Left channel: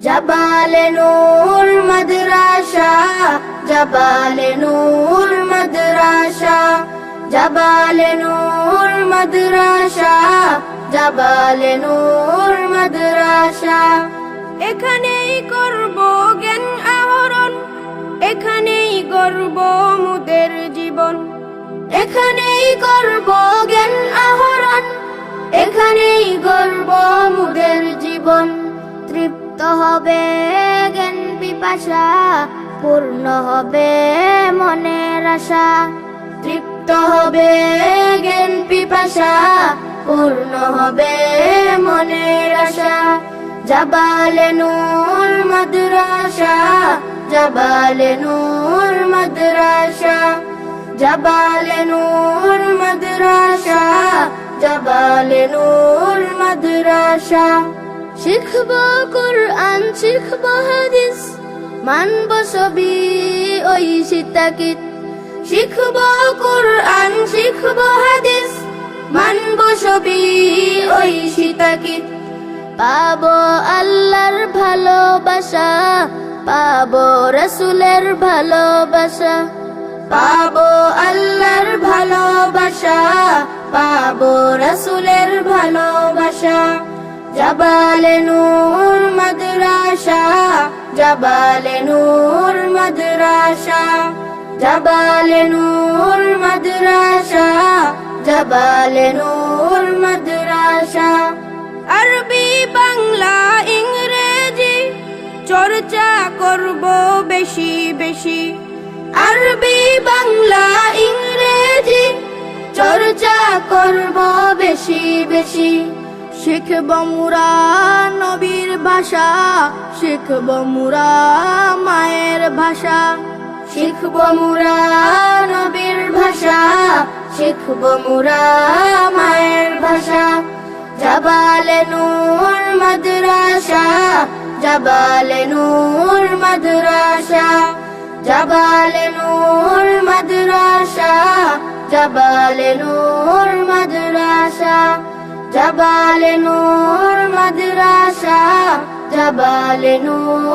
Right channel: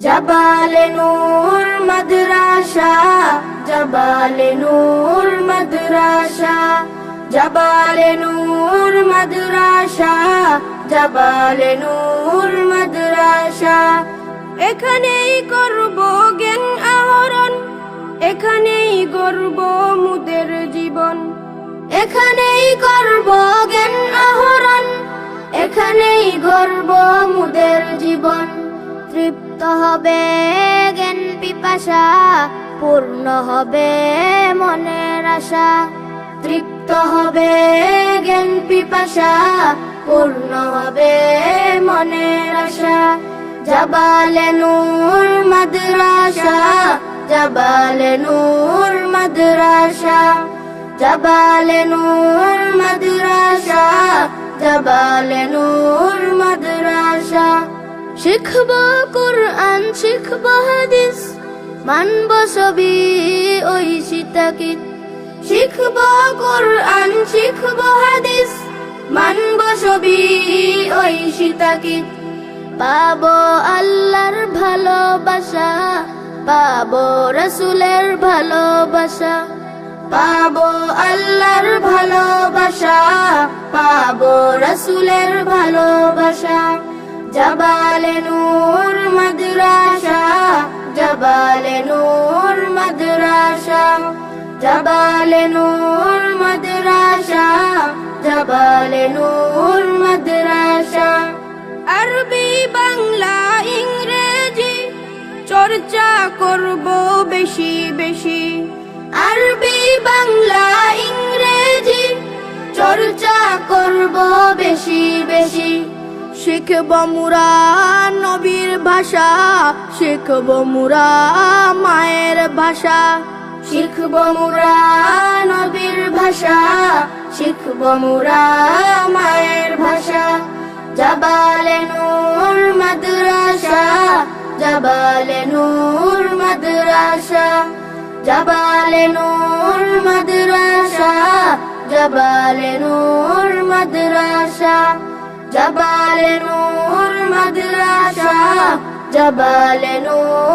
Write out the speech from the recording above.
জাবালে নূর মাদ্রাসা, জাবালে নূর মাদ্রাসা, জাবালে নূর মাদ্রাসা, জাবালে নূর মাদ্রাসা। এখানেই করব জ্ঞান আহরণ, এখানেই গড়ব মুদের জীবন। এখানেই করব জ্ঞান আহরণ, এখানেই গড়ব মুদের জীবন। তৃপ্ত হবে জ্ঞান পিপাসা, পূর্ণ হবে মনের আশা। তৃপ্ত হবে জ্ঞান পিপাসা, পূর্ণ হবে মনের আশা। জাবালে নূর মাদ্রাসা, জাবালে নূর মাদ্রাসা, জাবালে নূর মাদ্রাসা, জাবালে নূর মাদ্রাসা। শিখব কুরআন, শিখব হাদিস, মানব সবই ওই সীতাকিত। শিখব কুরআন, শিখব হাদিস, মানব সবই ওই সীতাকিত। পাবো আল্লাহর ভালোবাসা, পাবো রাসূলের ভালোবাসা। পাবো আল্লাহর ভালোবাসা, পাবো রাসূলের ভালোবাসা। জাবালে নূর মাদ্রাসা, জাবালে নূর মাদ্রাসা, জাবালে নূর মাদ্রাসা, জাবালে নূর মাদ্রাসা। আরবি বাংলা ইংরেজি চর্চা করব বেশি বেশি। আরবি বাংলা ইংরেজি চর্চা করব বেশি বেশি। শিখব মুরা নবীর ভাষা, শিখব মুরা মায়ের ভাষা। শিখব মুরা নবীর ভাষা, শিখব মুরা মায়ের ভাষা। জাবালে নূর মাদ্রাসা, জাবালে নূর মাদ্রাসা, জাবালে নূর মাদ্রাসা, জাবালে নূর মাদ্রাসা, জাবালে নূর মাদ্রাসা, জাবালে নূর